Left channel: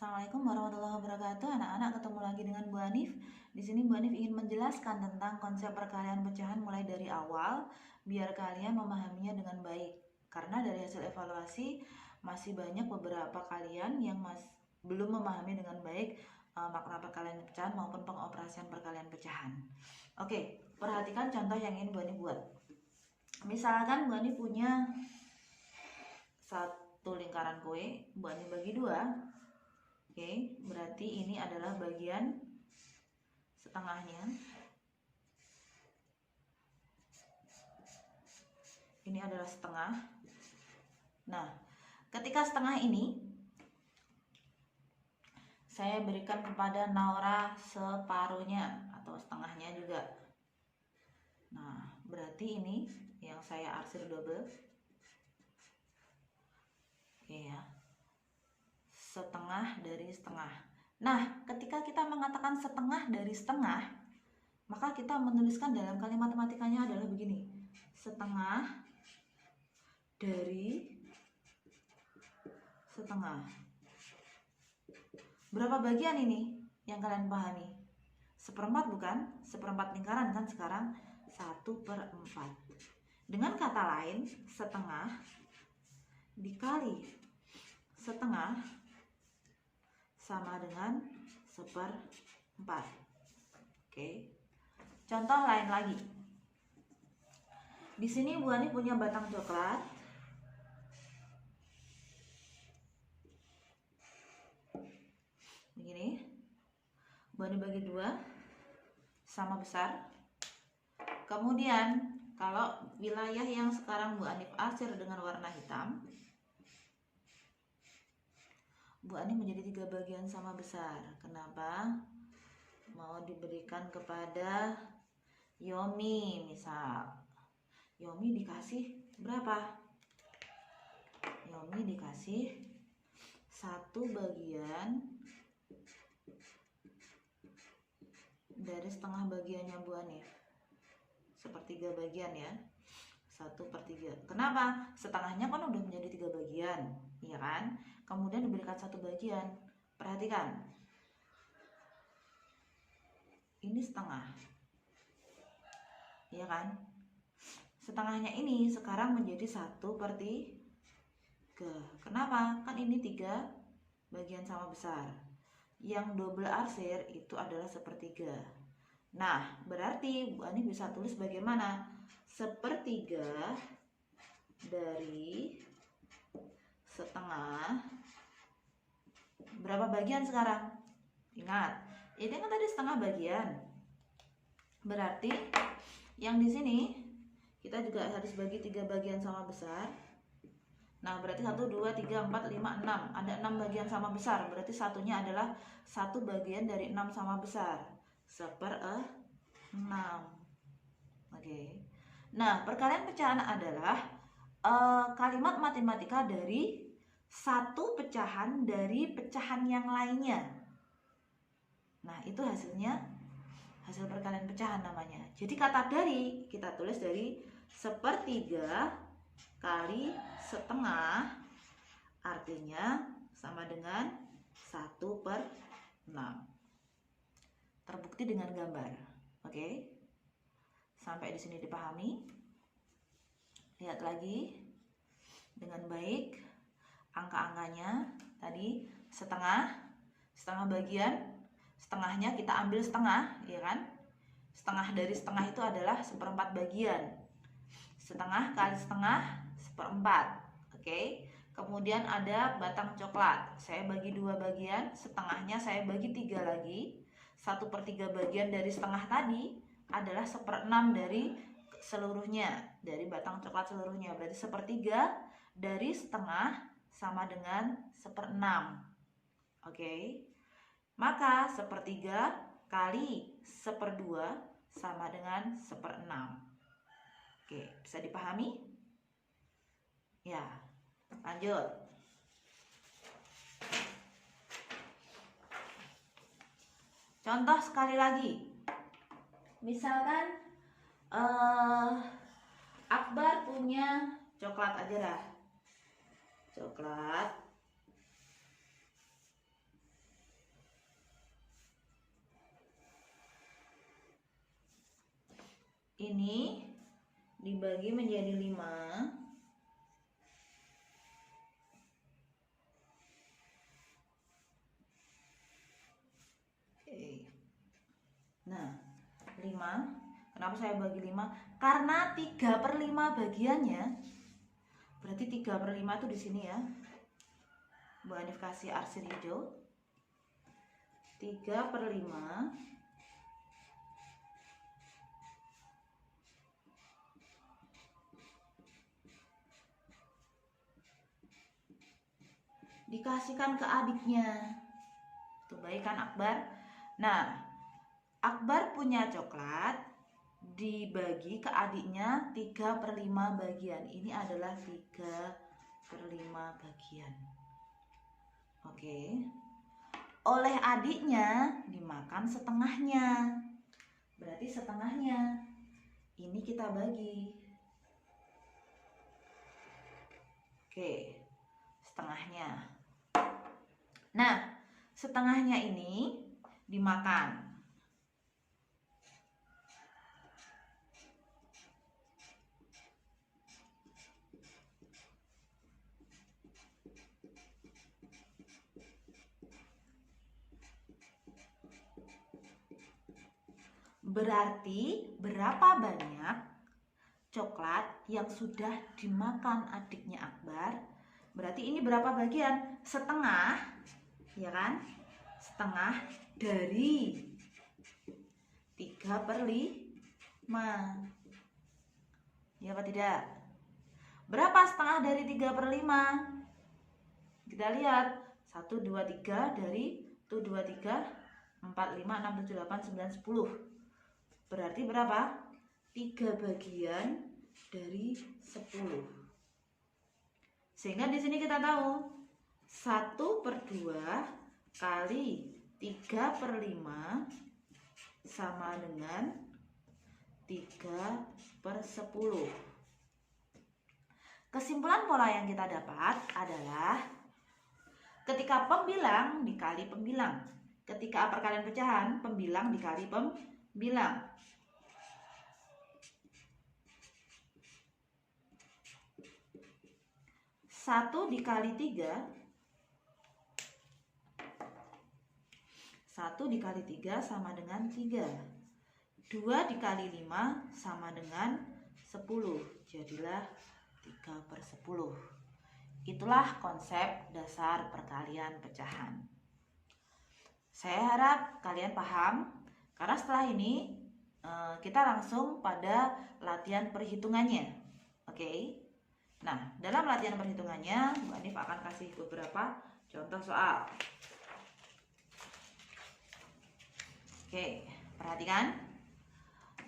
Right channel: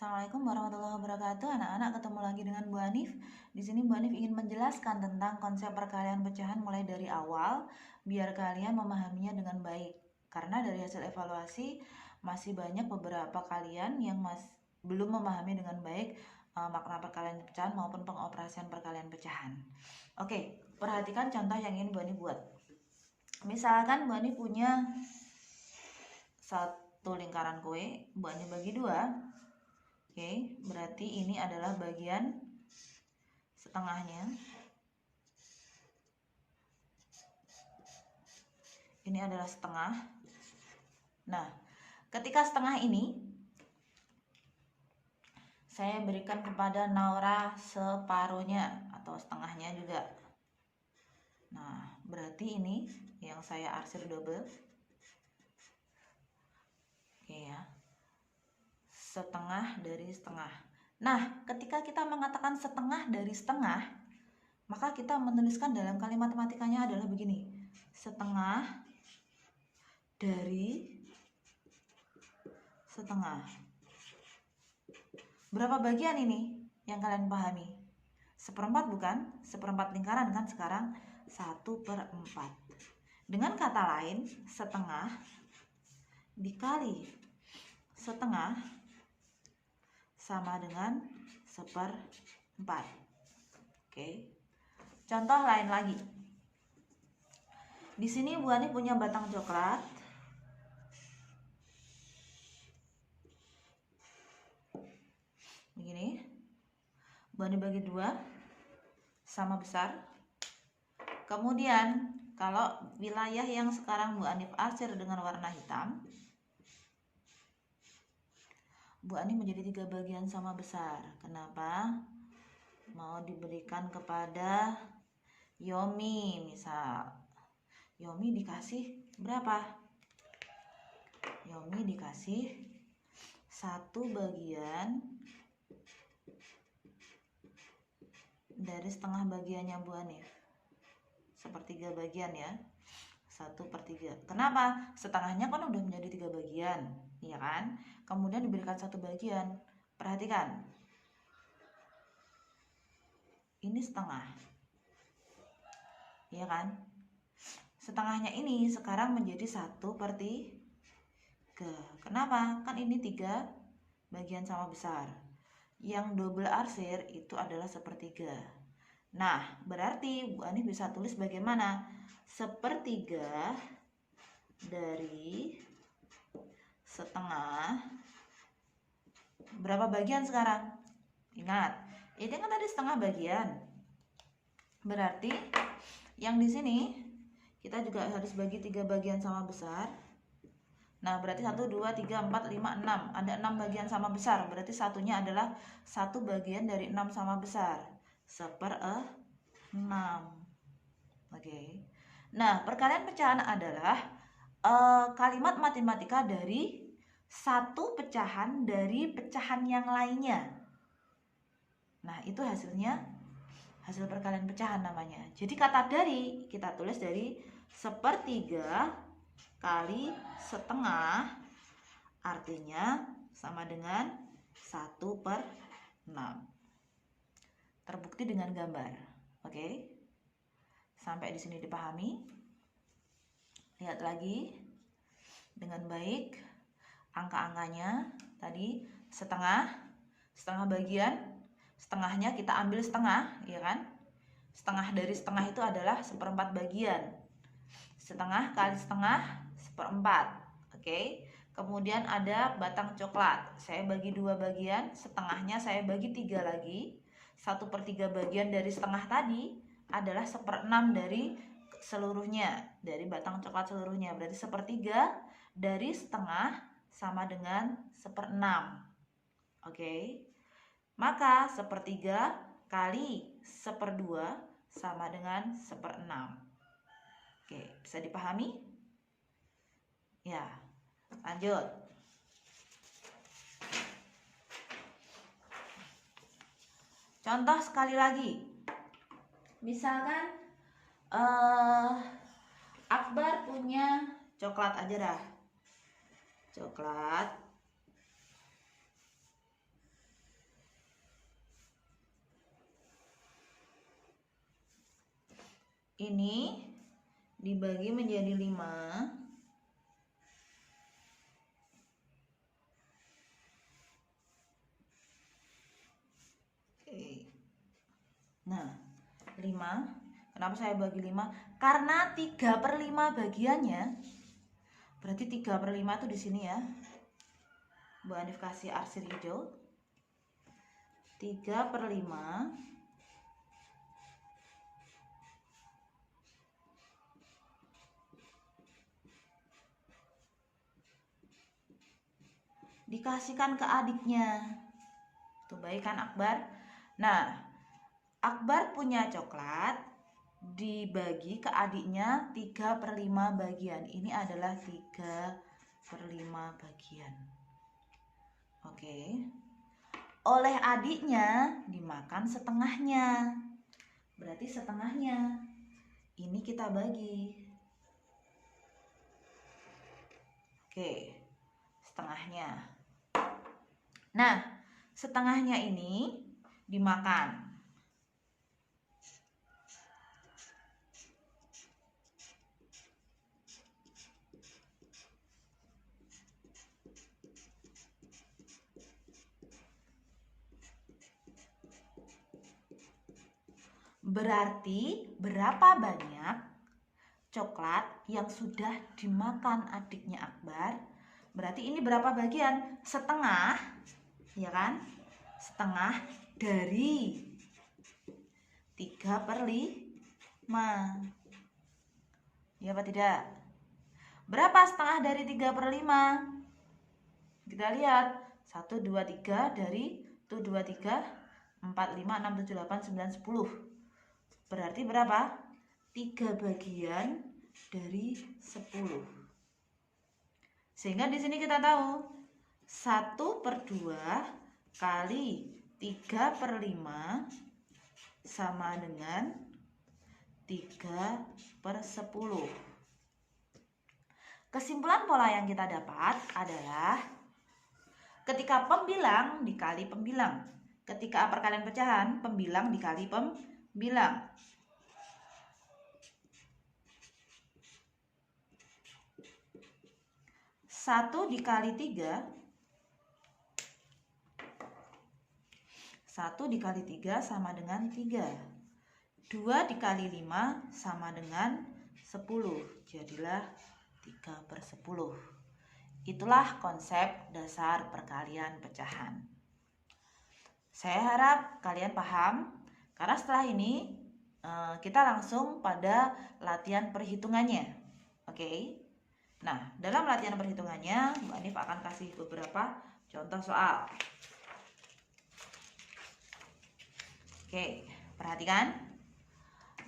Assalamualaikum warahmatullahi wabarakatuh. Anak-anak, ketemu lagi dengan Bu Hanif. Di sini Bu Hanif ingin menjelaskan tentang konsep perkalian pecahan mulai dari awal biar kalian memahaminya dengan baik. Karena dari hasil evaluasi masih banyak beberapa kalian yang belum memahami dengan baik makna perkalian pecahan maupun pengoperasian perkalian pecahan. Oke, perhatikan contoh yang ingin Bu Hanif buat. Misalkan Bu Hanif punya satu lingkaran kue, Bu Hanif bagi dua. Oke, berarti ini adalah bagian setengahnya. Ini adalah setengah. Nah, ketika setengah ini saya berikan kepada Naura separuhnya atau setengahnya juga. Nah, berarti ini yang saya arsir double. Oke ya. Setengah dari setengah. Nah, ketika kita mengatakan setengah dari setengah, maka kita menuliskan dalam kalimat matematikanya adalah begini. Setengah dari setengah. Berapa bagian ini yang kalian pahami? Seperempat bukan? Seperempat lingkaran kan sekarang 1/4. Dengan kata lain, setengah dikali setengah sama dengan 1/4. Oke. Contoh lain lagi. Di sini Bu Ani punya batang coklat. Begini. Bu Ani bagi dua, sama besar. Kemudian kalau wilayah yang sekarang Bu Anif arsir dengan warna hitam, Bu Ani menjadi 3 bagian sama besar. Kenapa? Mau diberikan kepada Yomi misal. Yomi dikasih berapa? Yomi dikasih 1 bagian dari setengah bagiannya Bu Hanif. 1/3 bagian ya. 1/3. Kenapa? Setengahnya kan udah menjadi 3 bagian, iya kan? Kemudian diberikan 1 bagian. Perhatikan. Ini setengah. Iya kan? Setengahnya ini sekarang menjadi 1/3. Kenapa? Kan ini 3 bagian sama besar. Yang double arsir itu adalah 1/3. Nah, berarti Bu Ani bisa tulis bagaimana? 1/3 dari setengah. Berapa bagian sekarang? Ingat, ini kan tadi setengah bagian. Berarti yang di sini kita juga harus bagi 3 bagian sama besar. Nah, berarti 1, 2, 3, 4, 5, 6. Ada 6 bagian sama besar. Berarti satunya adalah 1 bagian dari 6 sama besar. 1/6. Oke. Nah, perkalian pecahan adalah kalimat matematika dari satu pecahan dari pecahan yang lainnya. Nah, itu hasilnya hasil perkalian pecahan namanya. Jadi kata dari kita tulis dari 1/3 kali setengah, artinya sama dengan 1/6. Terbukti dengan gambar. Oke. Sampai di sini dipahami? Lihat lagi dengan baik angka-angkanya. Tadi setengah bagian, setengahnya kita ambil setengah, ya kan? Setengah dari setengah itu adalah 1/4 bagian. Setengah kali setengah 1/4. Oke. Kemudian ada batang coklat. Saya bagi 2 bagian, setengahnya saya bagi 3 lagi. 1/3 bagian dari setengah tadi adalah 1/6 dari seluruhnya, dari batang coklat seluruhnya. Berarti 1/3 dari setengah sama dengan 1/6. Oke. Maka 1/3 kali 1/2 sama dengan 1/6. Oke, bisa dipahami? Ya, lanjut. Contoh sekali lagi. Misalkan Akbar punya coklat aja dah. Coklat. ini dibagi menjadi 5. Nah, 5. Kenapa saya bagi 5? Karena 3/5 bagiannya. Berarti 3/5 itu di sini ya. Bu Hanif kasih arsir hijau. 3/5 dikasihkan ke adiknya. Tuh baik kan Akbar? Nah, Akbar punya coklat, dibagi ke adiknya 3/5 bagian. Ini adalah 3/5 bagian. Oke. Oleh adiknya dimakan setengahnya. Berarti setengahnya ini kita bagi. Oke, setengahnya. Nah, setengahnya ini dimakan. Berarti berapa banyak coklat yang sudah dimakan adiknya Akbar? Berarti ini berapa bagian? Setengah, ya kan? Setengah dari 3/5. Ya apa tidak? Berapa setengah dari 3/5? Kita lihat 1, 2, 3 dari 1, 2, 3, 4, 5, 6, 7, 8, 9, 10. Berarti berapa? 3 bagian dari 10. Sehingga di sini kita tahu 1/2 kali 3/5 sama dengan 3/10. Kesimpulan pola yang kita dapat adalah ketika pembilang dikali pembilang. Ketika perkalian pecahan, pembilang dikali pembilang. 1 dikali 3, 1 dikali 3 sama dengan 3. 2 dikali 5 sama dengan 10. Jadilah 3/10. Itulah konsep dasar perkalian pecahan. Saya harap kalian paham, karena setelah ini kita langsung pada latihan perhitungannya. Oke. Nah, dalam latihan perhitungannya, Bu Hanif akan kasih beberapa contoh soal. Oke, perhatikan.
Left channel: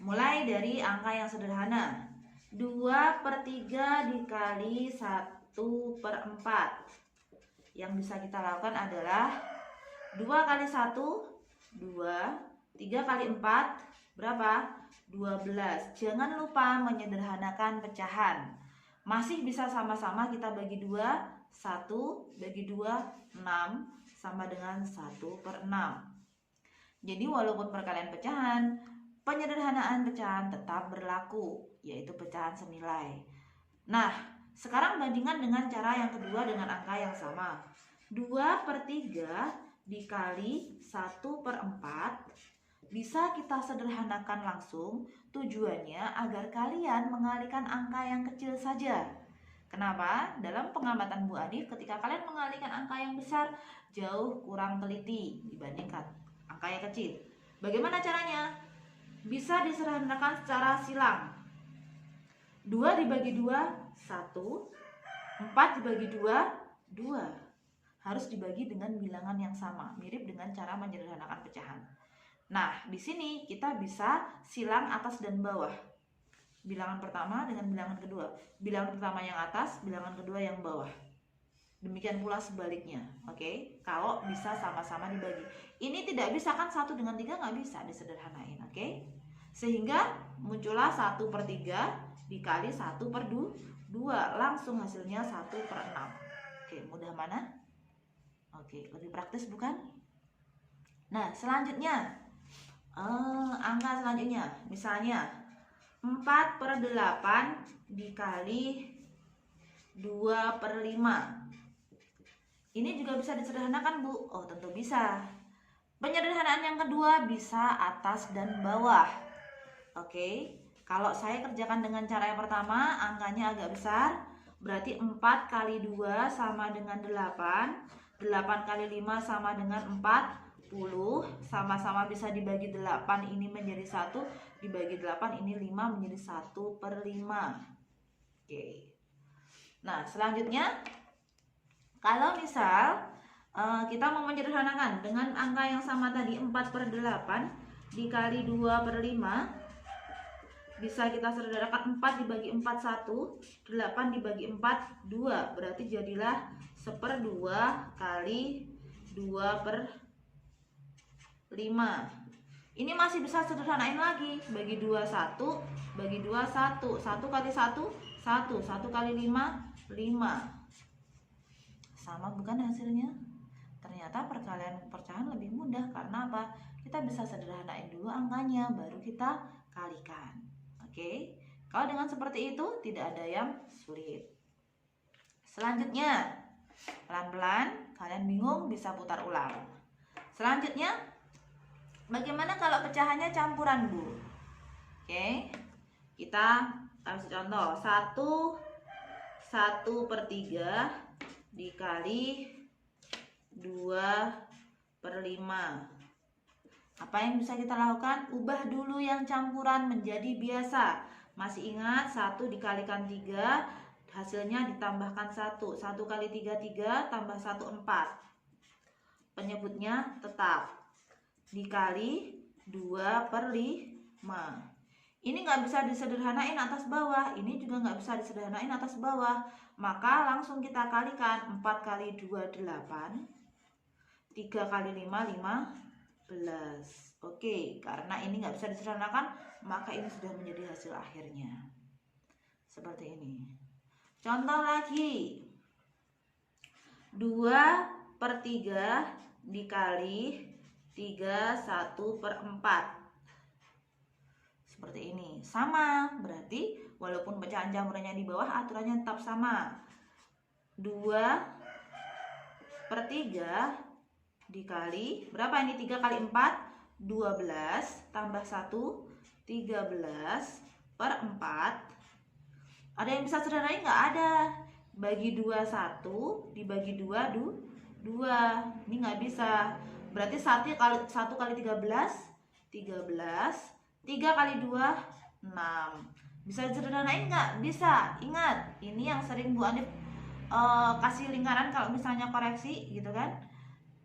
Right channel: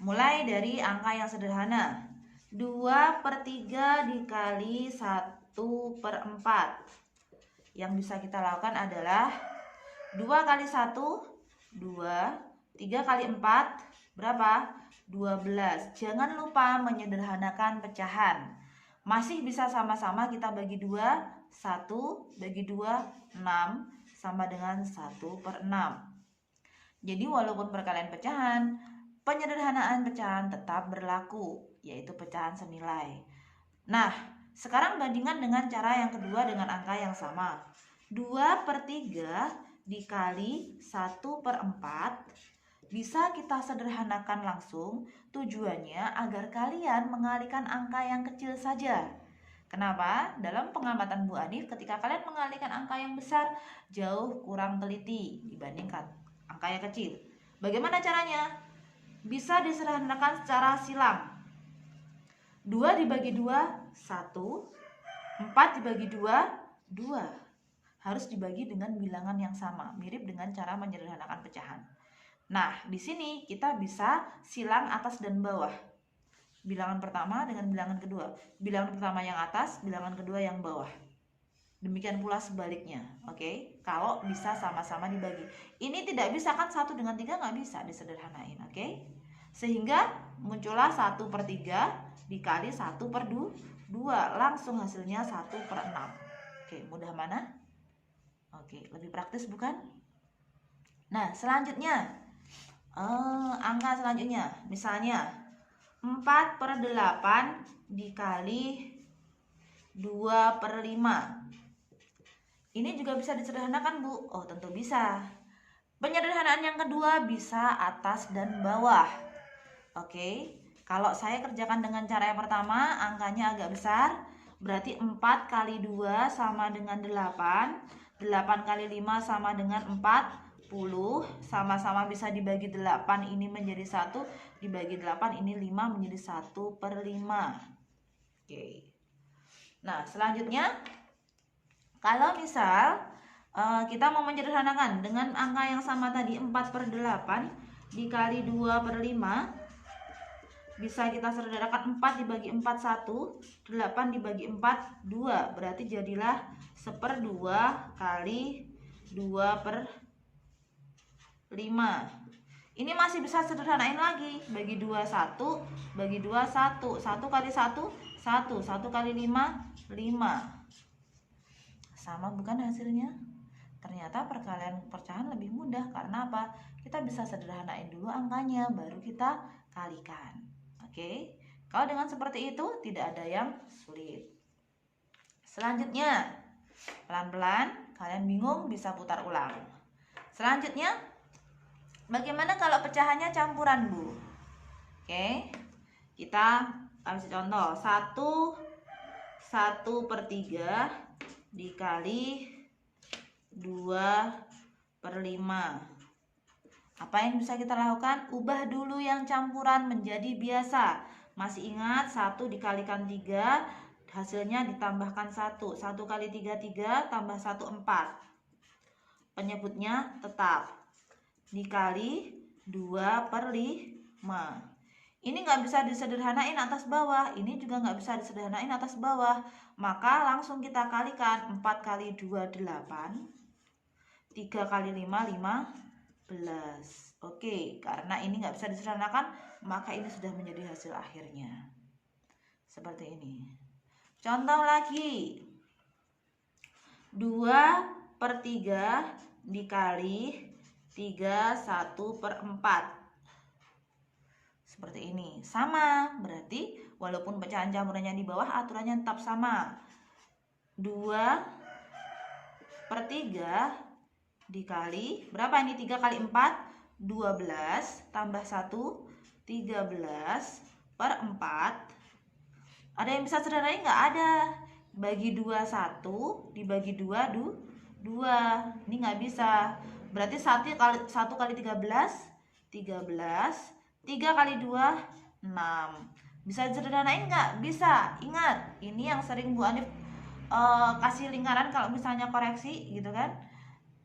Mulai dari angka yang sederhana. 2/3 dikali 1/4. Yang bisa kita lakukan adalah 2 kali 1, 2. 3 kali 4, berapa? 12. Jangan lupa menyederhanakan pecahan. Masih bisa sama-sama kita bagi 2, 1 bagi 2, 6, sama dengan 1/6. Jadi walaupun perkalian pecahan, penyederhanaan pecahan tetap berlaku, yaitu pecahan senilai. Nah, sekarang bandingkan dengan cara yang kedua dengan angka yang sama. 2/3 dikali 1/4 bisa kita sederhanakan langsung. Tujuannya agar kalian mengalihkan angka yang kecil saja. Kenapa? Dalam pengamatan Bu Hanif, ketika kalian mengalihkan angka yang besar, jauh kurang teliti dibandingkan angka yang kecil. Bagaimana caranya? Bisa disederhanakan secara silang. 2 dibagi 2, 1. 4 dibagi 2, 2. Harus dibagi dengan bilangan yang sama, mirip dengan cara menyederhanakan pecahan. Nah, di sini kita bisa silang atas dan bawah. Bilangan pertama dengan bilangan kedua. Bilangan pertama yang atas, bilangan kedua yang bawah. Demikian pula sebaliknya. Oke? Kalau bisa sama-sama dibagi. Ini tidak bisa kan 1 dengan 3 nggak bisa disederhanain. Oke? Sehingga muncullah 1/3 dikali 1/2. Langsung hasilnya 1/6. Oke, mudah mana? Oke, lebih praktis bukan? Nah, selanjutnya angka selanjutnya, misalnya 4/8 dikali 2/5. Ini juga bisa disederhanakan, Bu. Oh, tentu bisa. Penyederhanaan yang kedua bisa atas dan bawah. Oke, kalau saya kerjakan dengan cara yang pertama, angkanya agak besar, berarti 4 kali 2 sama dengan 8, 8 kali 5 sama dengan 40, sama-sama bisa dibagi 8, ini menjadi 1, dibagi 8, ini 5 menjadi 1/5. Oke. Nah, selanjutnya, kalau misal kita mau menyederhanakan dengan angka yang sama tadi, 4/8 dikali 2/5, bisa kita sederhanakan 4 dibagi 4 1, 8 dibagi 4 2, berarti jadilah 1/2 kali 2/5. Ini masih bisa sederhanain lagi, bagi 2 1, bagi 2 1, 1 kali 1 1, 1 kali 5 5. Sama bukan hasilnya? Ternyata perkalian pecahan lebih mudah, karena apa? Kita bisa sederhanain dulu angkanya, baru kita kalikan. Oke, kalau dengan seperti itu tidak ada yang sulit. Selanjutnya, pelan-pelan, kalian bingung bisa putar ulang. Selanjutnya, bagaimana kalau pecahannya campuran, Bu? Oke, kita kasih contoh. 1/3 dikali 2/5. Apa yang bisa kita lakukan? Ubah dulu yang campuran menjadi biasa. Masih ingat 1 dikalikan 3, hasilnya ditambahkan 1. 1 kali 3 3, tambah 1 4. Penyebutnya tetap. Dikali 2/5. Ini nggak bisa disederhanain atas bawah, ini juga nggak bisa disederhanain atas bawah. Maka langsung kita kalikan. 4 kali 2 8, 3 kali 5 15. Oke, karena ini nggak bisa disederhanakan, maka ini sudah menjadi hasil akhirnya. Seperti ini. Contoh lagi. 2/3 dikali 3 1/4. Seperti ini. Sama, berarti walaupun pecahan campurannya di bawah, aturannya tetap sama. 2/3 dikali, berapa ini? 3 kali 4 12, tambah 1 13/4. Ada yang bisa sederhanain nggak? Ada. Bagi 2 1, dibagi 2 2. Ini nggak bisa. Berarti 1 kali 13 13, 3 kali 2 6. Bisa sederhanain nggak? Bisa. Ingat, ini yang sering Bu Anif kasih lingkaran kalau misalnya koreksi gitu kan.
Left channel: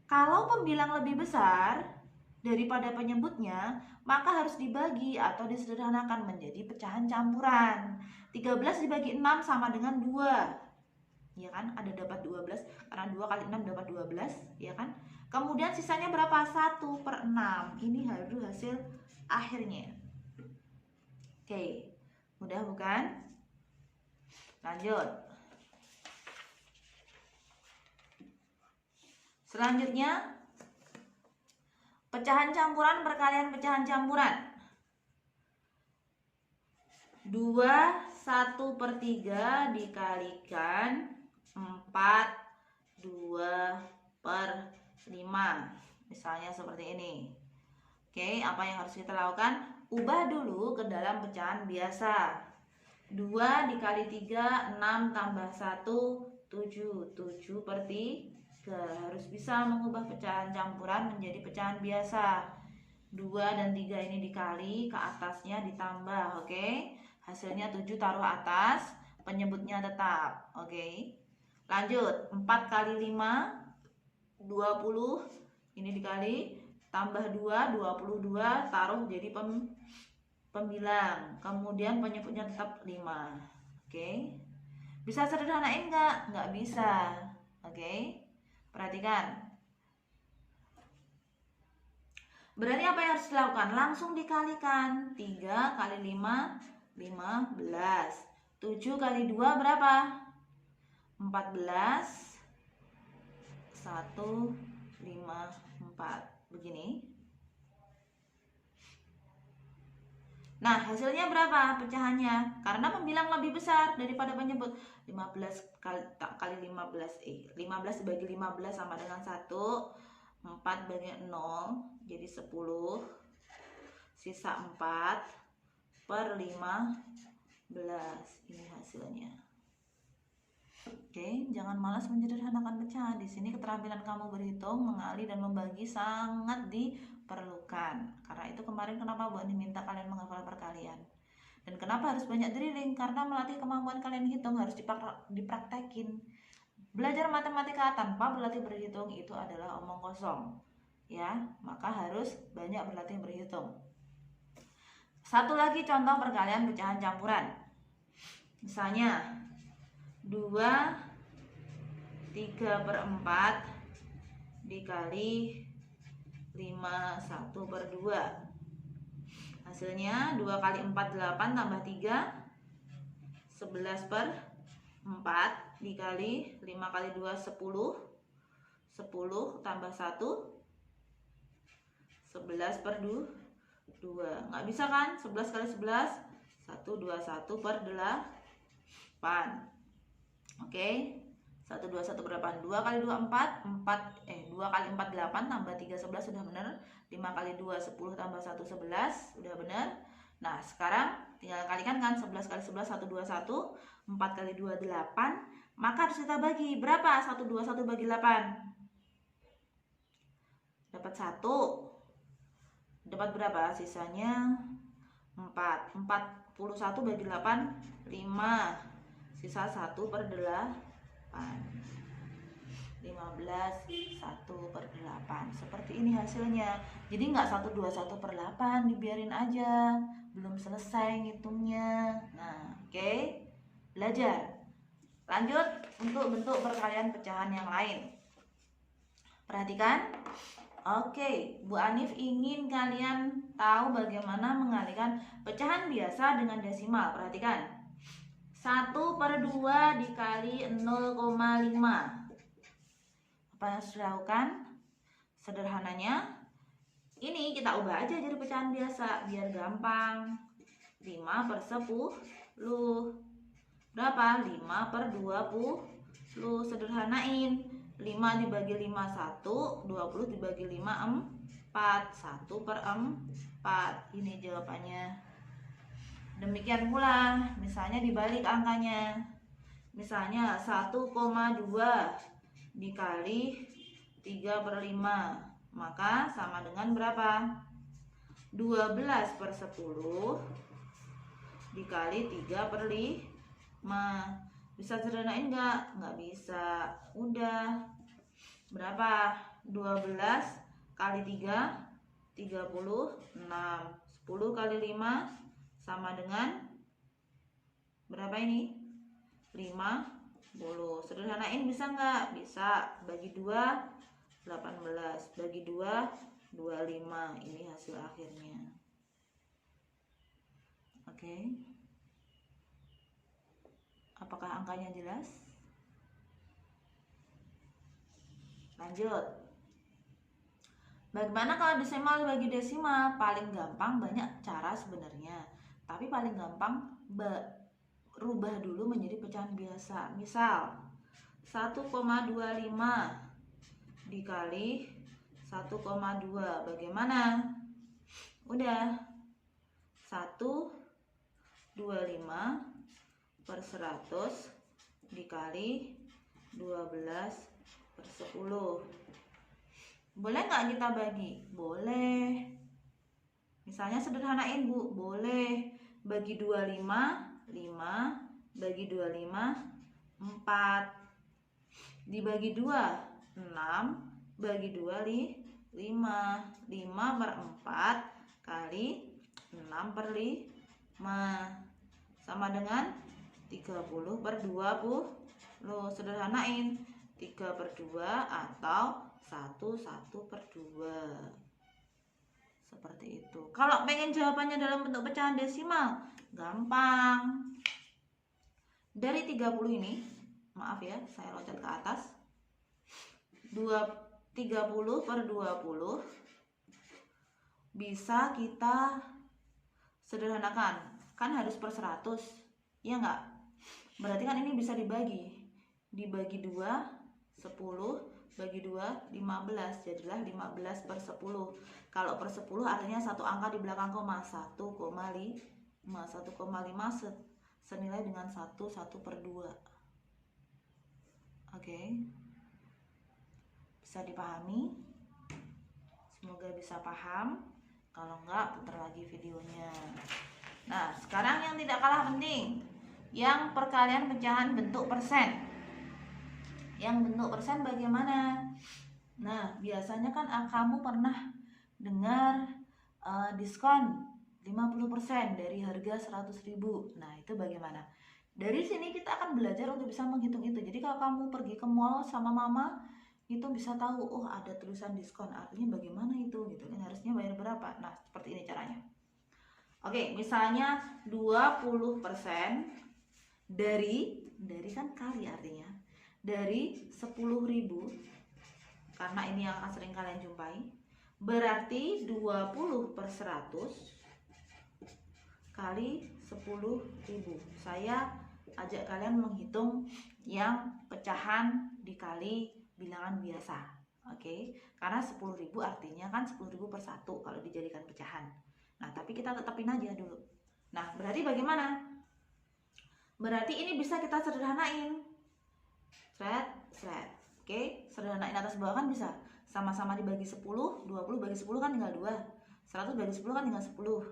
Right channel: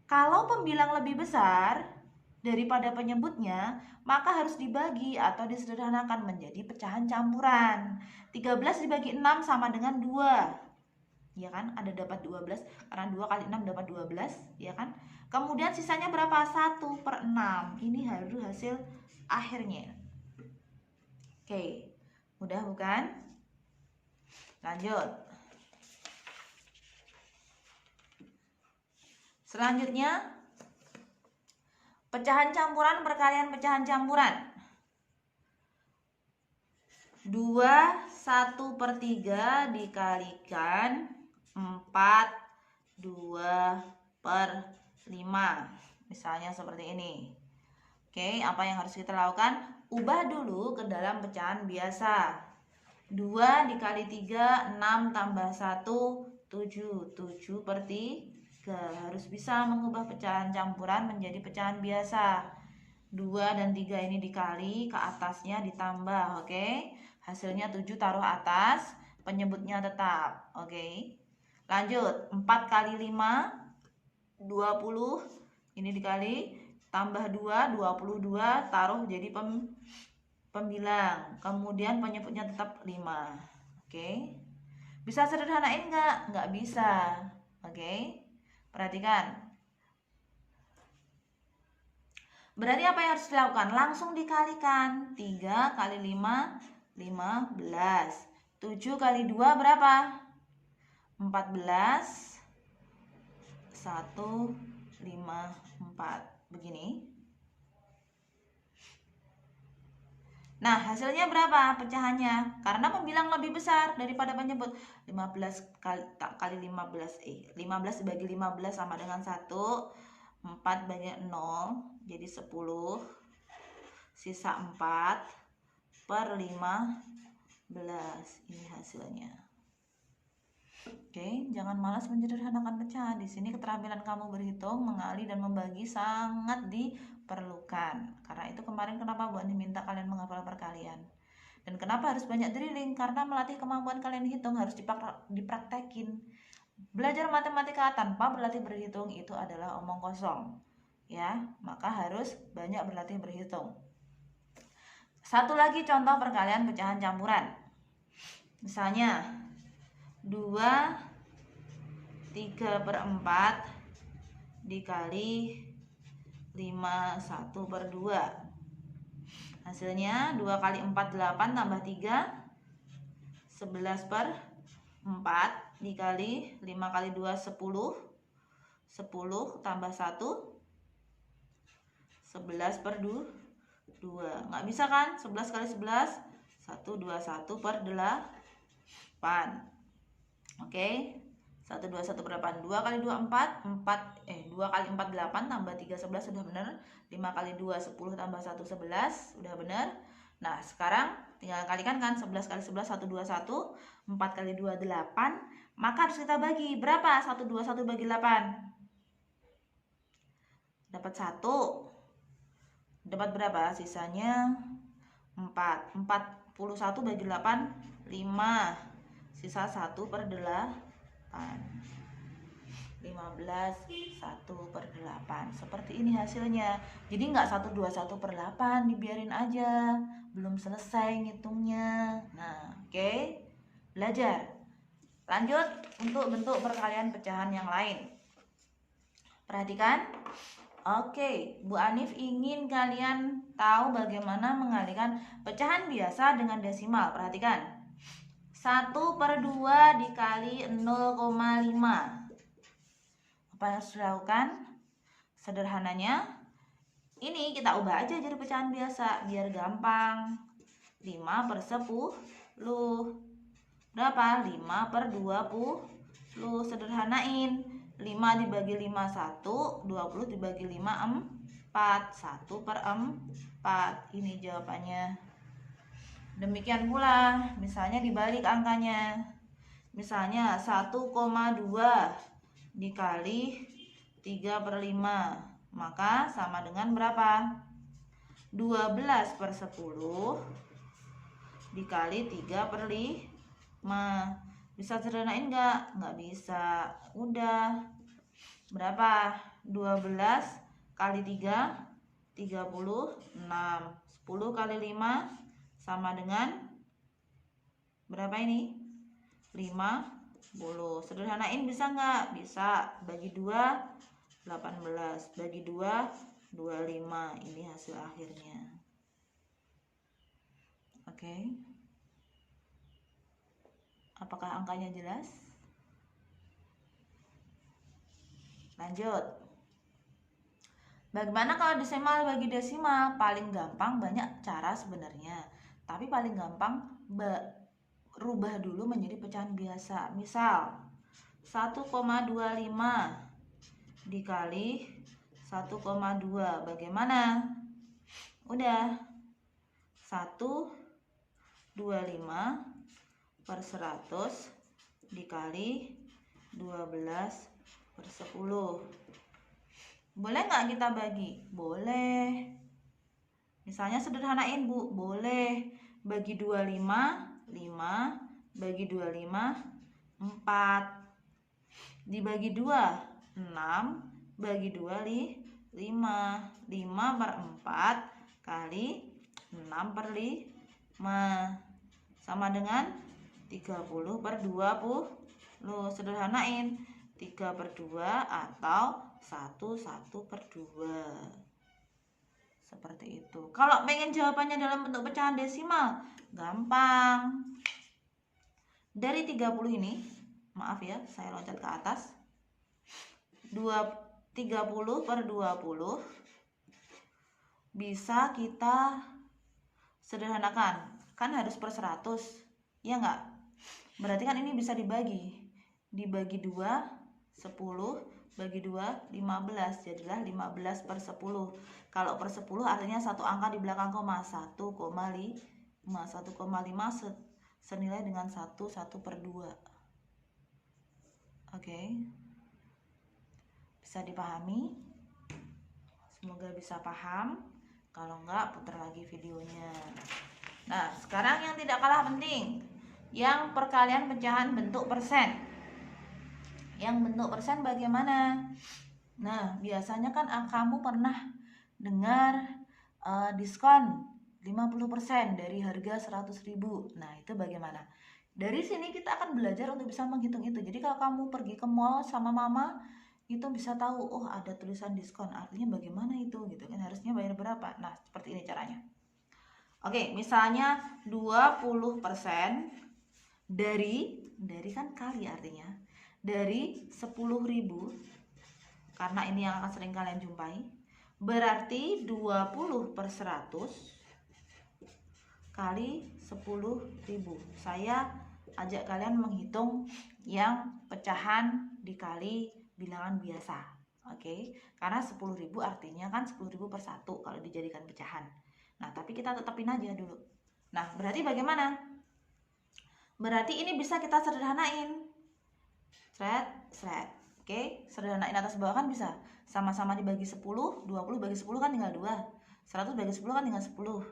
Kalau pembilang lebih besar daripada penyebutnya, maka harus dibagi atau disederhanakan menjadi pecahan campuran. 13 dibagi 6 sama dengan 2. Ya kan? Ada dapat 12, karena 2 kali 6 dapat 12, ya kan? Kemudian sisanya berapa? 1/6. Ini harus hasil akhirnya. Oke, mudah bukan? Lanjut. Selanjutnya, pecahan campuran, perkalian pecahan campuran. 2 1/3 dikalikan 4 2/5. Misalnya seperti ini. Oke, apa yang harus kita lakukan? Ubah dulu ke dalam pecahan biasa. 2 dikali 3 6, tambah 1 7. 7/3. Harus bisa mengubah pecahan campuran menjadi pecahan biasa. 2 dan 3 ini dikali, ke atasnya ditambah. Oke, hasilnya 7 taruh atas, penyebutnya tetap. Oke, lanjut. 4 kali 5 20. Ini dikali, tambah 2 22, taruh jadi pembilang. Kemudian penyebutnya tetap 5. Oke, bisa sederhanain nggak? Nggak bisa. Oke, perhatikan. Berarti apa yang harus dilakukan? Langsung dikalikan. 3 kali 5 15. 7 kali 2 berapa? 14. 1 5 4. Begini. Nah, hasilnya berapa pecahannya? Karena pembilang lebih besar daripada penyebut. 15 kali 15, 15 dibagi 15 sama dengan 1. 4 bagi 0, jadi 10. Sisa 4 per 15. Ini hasilnya. Oke, jangan malas menyederhanakan pecahan. Di sini keterampilan kamu berhitung, mengali, dan membagi sangat diperlukan. Karena itu kemarin kenapa Bu Ani minta kalian menghafal perkalian. Dan kenapa harus banyak drilling? Karena melatih kemampuan kalian hitung harus dipraktekin. Belajar matematika tanpa berlatih berhitung itu adalah omong kosong. Ya, maka harus banyak berlatih berhitung. Satu lagi contoh perkalian pecahan campuran. Misalnya 2 3/4 dikali 5 1/2. Hasilnya 2 kali 4 8 tambah 3 11/4 dikali 5 kali 2 10. 10 tambah 1 11/2. Nggak bisa kan? 11 kali 11 121/8. Oke, 121/8. 2 kali 2 4 2 kali 4 8 tambah 3 11 sudah benar. 5 kali 2 10 tambah 1 11 sudah benar. Nah, sekarang tinggal kalikan kan, 11 kali 11 121, 4 kali 2 8. Maka harus kita bagi. Berapa 121 bagi 8? Dapat 1. Dapat berapa? Sisanya 4. 41 bagi 8 5. Sisa 1/8. 15 1/8. Seperti ini hasilnya. Jadi nggak 121/8, dibiarin aja. Belum selesai ngitungnya. Nah, oke. Belajar. Lanjut untuk bentuk perkalian pecahan yang lain. Perhatikan. Oke, Bu Anif ingin kalian tahu bagaimana mengalihkan pecahan biasa dengan desimal. Perhatikan. 1/2 dikali 0,5. Apa yang harus dilakukan? Sederhananya, ini kita ubah aja jadi pecahan biasa biar gampang. 5/10. Berapa? 5/20. Sederhanain. 5 dibagi 5 1, 20 dibagi 5 4. 1/4. Ini jawabannya. Demikian pula, misalnya dibalik angkanya. Misalnya 1,2 dikali 3/5. Maka sama dengan berapa? 12/10 dikali 3/5. Bisa sederhanain nggak? Nggak bisa. Udah. Berapa? 12 kali 3 36. 10 kali 5 sama dengan berapa ini? 50. Sederhanain bisa nggak? Bisa. Bagi 2 18. Bagi 2 25. Ini hasil akhirnya. Oke. Apakah angkanya jelas? Lanjut. Bagaimana kalau desimal bagi desimal? Paling gampang, banyak cara sebenarnya. Tapi paling gampang rubah dulu menjadi pecahan biasa. Misal 1,25 dikali 1,2. Bagaimana? Udah. 125/100 dikali 12/10. Boleh nggak kita bagi? Boleh. Misalnya sederhanain Bu, boleh. Bagi 25 5, bagi 25 4. Dibagi 2 6, bagi 2 5. 5/4 kali 6/5 sama dengan 30/20. Sederhanain. 3/2 atau 1/2. Seperti itu. Kalau pengen jawabannya dalam bentuk pecahan desimal, gampang. Dari 30 ini, maaf ya, saya loncat ke atas. 30/20 bisa kita Sederhanakan, kan harus per 100, ya enggak? Berarti kan ini bisa dibagi 2, 10, bagi 2, 15, jadilah 15 per 10. Kalau per 10 artinya satu angka di belakang koma, 1,5 senilai dengan 1 per 2. Oke, bisa dipahami? Semoga bisa paham. Kalau enggak, putar lagi videonya. Nah, sekarang yang tidak kalah penting, yang perkalian pecahan bentuk persen. Yang bentuk persen bagaimana? Nah, biasanya kan kamu pernah dengar diskon 50% dari harga 100.000. Nah, itu bagaimana? Dari sini kita akan belajar untuk bisa menghitung itu. Jadi kalau kamu pergi ke mall sama mama, itu bisa tahu, oh ada tulisan diskon, artinya bagaimana itu gitu kan, harusnya bayar berapa. Nah, seperti ini caranya. Oke, misalnya 20% dari kan kali artinya, dari 10.000, karena ini yang akan sering kalian jumpai, berarti 20 per 100 kali 10.000. Saya ajak kalian menghitung yang pecahan dikali bilangan biasa. Oke, karena 10.000 artinya kan 10.000 per 1 kalau dijadikan pecahan. Nah, tapi kita tetapin aja dulu. Nah, berarti bagaimana? Berarti ini bisa kita sederhanain. Seret. Oke, sederhanain atas bawah kan bisa. Sama-sama dibagi 10, 20 bagi 10 kan tinggal 2. 100 bagi 10 kan tinggal 10.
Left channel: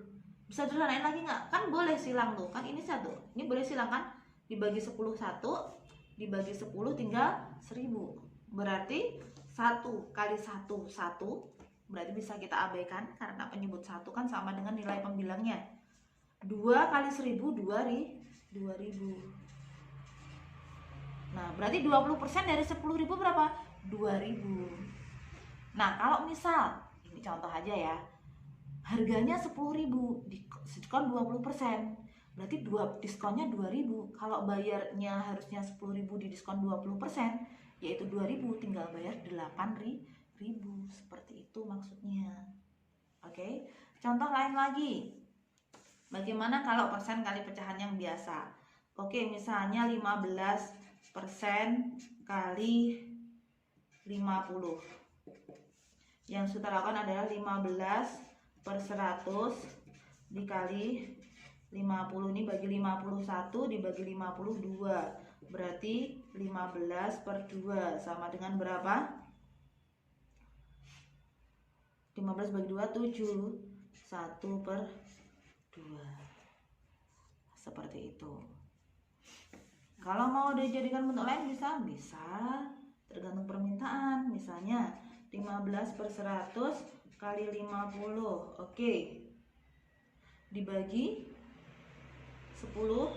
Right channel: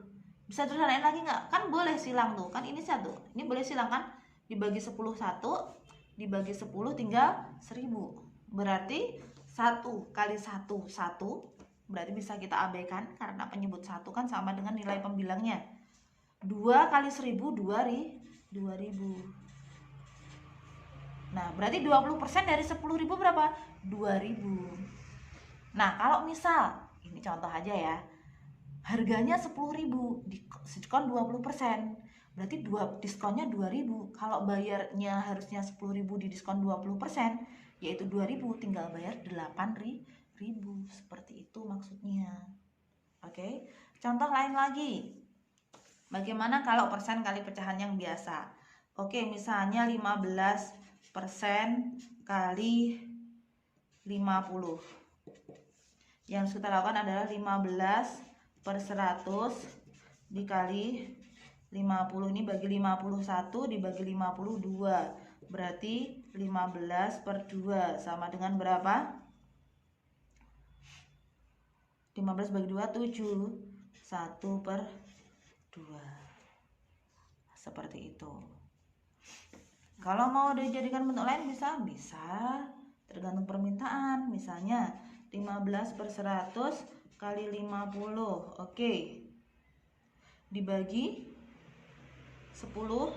Bisa sederhanain lagi nggak? Kan boleh silang tuh. Kan ini 1. Ini boleh silang kan? Dibagi 10 1, dibagi 10 tinggal 1000. Berarti 1 kali 1 1. Berarti bisa kita abaikan karena penyebut 1 kan sama dengan nilai pembilangnya. 2 kali 1000 2000. Nah, berarti 20% dari 10.000 berapa? 2.000. Nah, kalau misal, ini contoh aja ya, harganya 10.000, diskon 20%, berarti diskonnya 2.000. Kalau bayarnya harusnya 10.000 di diskon 20%, yaitu 2.000, tinggal bayar 8.000. Seperti itu maksudnya. Oke, contoh lain lagi. Bagaimana kalau persen kali pecahan yang biasa? Oke, misalnya 15% kali 50. Yang kita lakukan adalah 15 per 100 dikali 50. Ini bagi 51 dibagi 52. Berarti 15 per 2 sama dengan berapa? 15 bagi 2 7. 1 per 2. Seperti itu. Kalau mau dijadikan bentuk lain bisa tergantung permintaan. Misalnya 15 per 100 kali 50. Oke, dibagi 10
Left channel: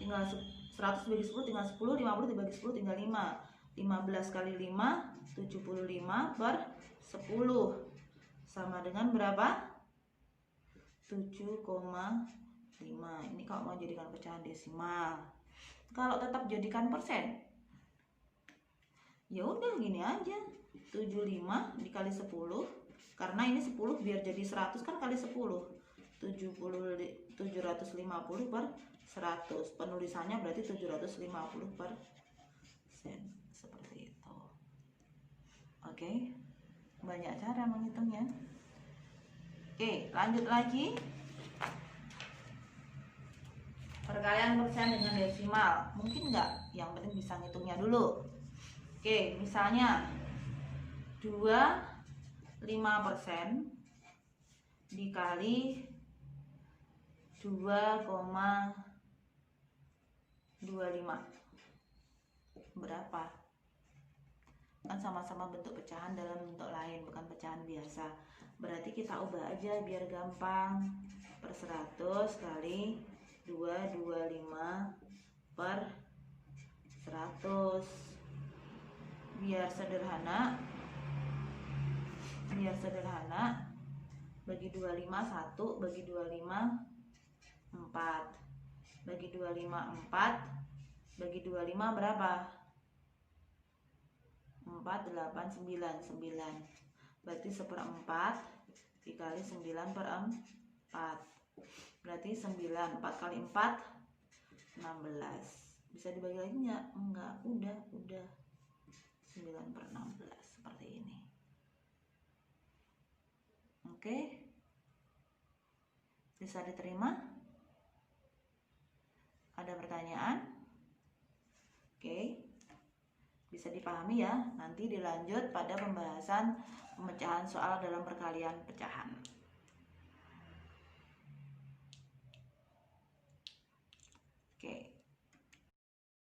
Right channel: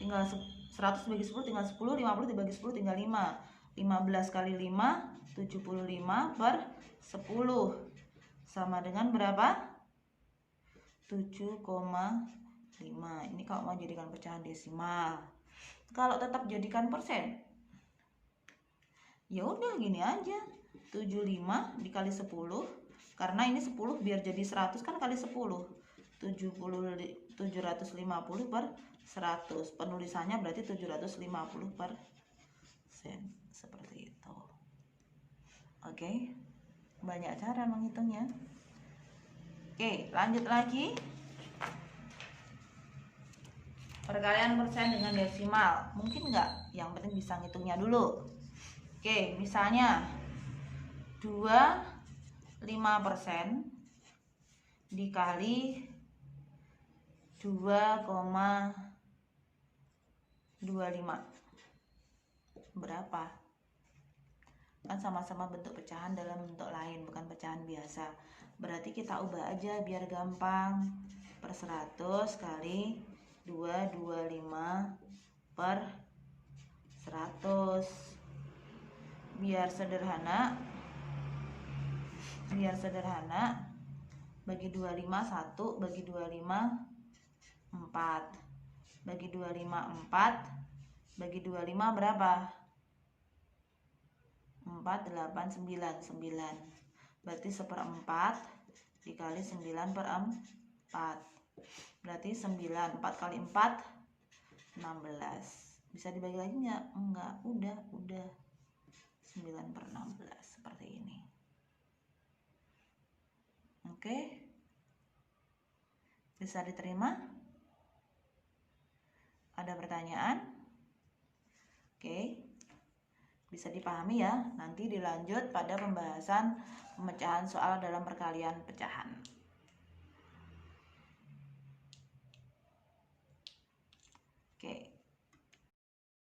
tinggal 100 bagi 10 tinggal 10, 50 dibagi 10 tinggal 5. 15 kali 5 75 per 10 sama dengan berapa? 7,5. Ini kalau mau jadikan pecahan desimal. Kalau tetap jadikan persen, ya udah gini aja, 75 dikali 10, karena ini 10 biar jadi 100 kan kali 10, 750 per 100. Penulisannya berarti 750 per sen, seperti itu. Oke, banyak cara menghitungnya. Oke, lanjut lagi. Perkalian persen dengan desimal, mungkin nggak? Yang penting bisa ngitungnya dulu. Oke, misalnya 25% dikali 2,25 berapa? Kan sama-sama bentuk pecahan dalam bentuk lain, bukan pecahan biasa. Berarti kita ubah aja biar gampang. Per 100 kali 225 per 100. Biar sederhana, bagi 25 1, bagi 25 4, bagi 25 4, bagi 25 berapa? 4 8 9 9. Berarti 1/4 dikali 9/4. Berarti 9, 4 kali 4 16. Bisa dibagi lagi nggak? Enggak, udah 9/16 seperti ini. Oke, bisa diterima? Ada pertanyaan? Oke, bisa dipahami ya. Nanti dilanjut pada pembahasan pemecahan soal dalam perkalian pecahan. Oke.